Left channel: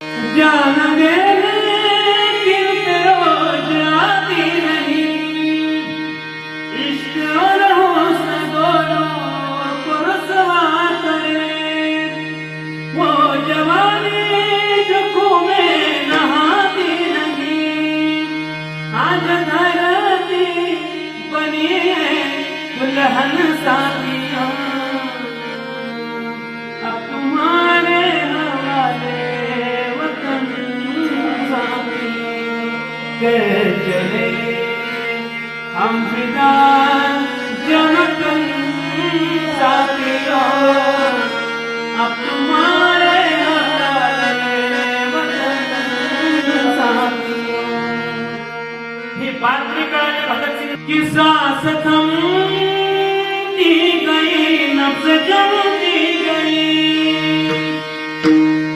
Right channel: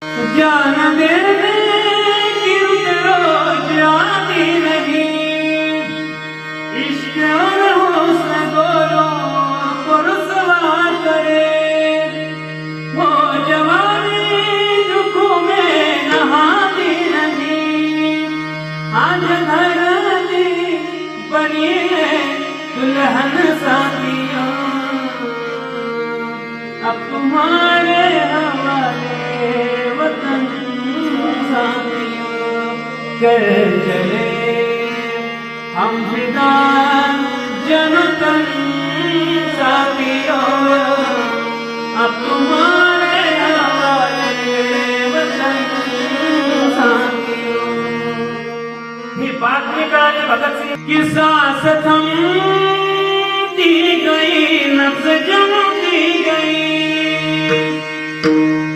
जान देने की रोज आती नहीं, इश्क और हुस्न दोनों को रुसवा करे। वो जवानी दुखों में नहाती नहीं, आज धरती बनी है दुल्हन साथियां, अब तुम्हारे हवाले कर चले हम फिदा जनतन साथियों, अब तुम्हारे हवाले वतन साथियों। ये बात निकाले भगत सिंह की सांस थम दी गई, नब्ज जमती गई,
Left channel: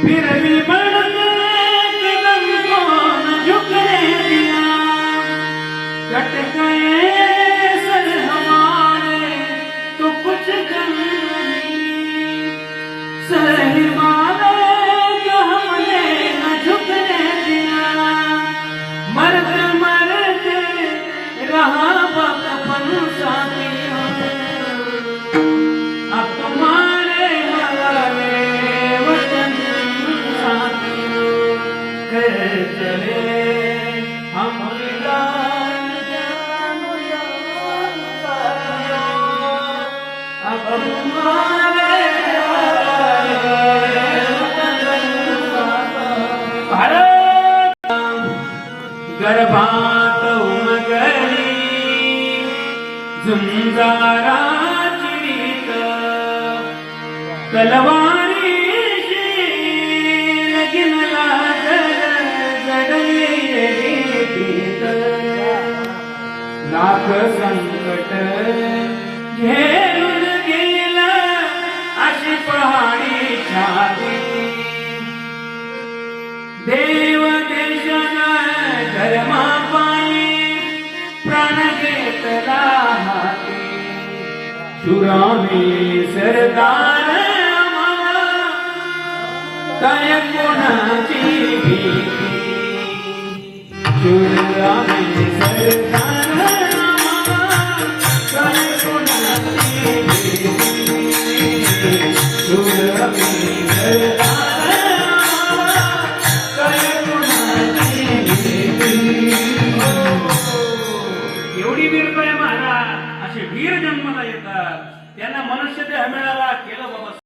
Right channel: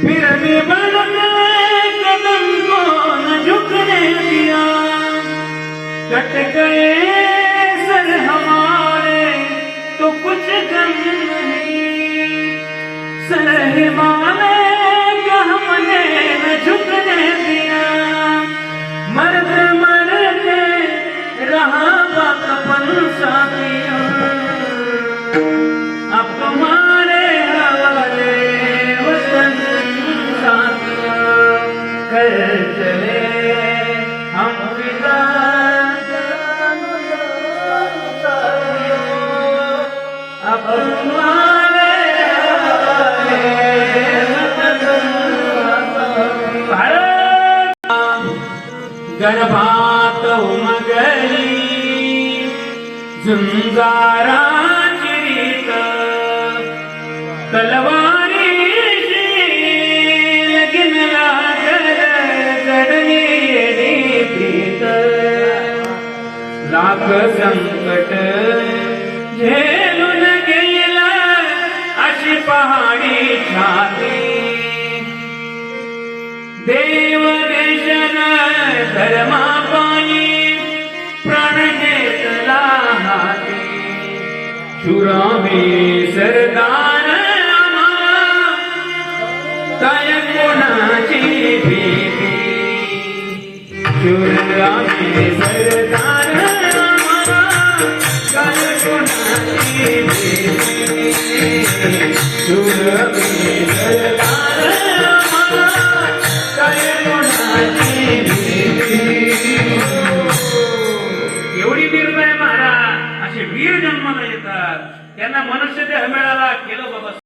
फिर भी बढ़ते कदम को न झुकने दिया। कट गए सर हमारे तो कुछ गम नहीं, सर हिमालय का हमने न झुकने दिया। मरते मरते रहा कफन साथियों, अब तुम्हारे हवाले वतन साथियों। कर चले हम फिदा अब तुम्हारे भारत गर्भात उमगली झुंजारा चिरीत, तलवारी लगीन लागल जडली भीत। लाख संकट झेलून गेला अशी पहाडी छाती, देव देशन धर्मापायी प्राण घेतला हाती। शुरामी सरदार आम्हाला काय कोणाची भीती, शुरामी सरदार आम्हाला काय कोणाची भीती, शुरामी सरदार आम्हाला काय कोणाची भीती। एवढी निर्भय महाराज असे वीर जन्माला येतात, त्यांना मनुष्य देह मिळाला केलं बाबा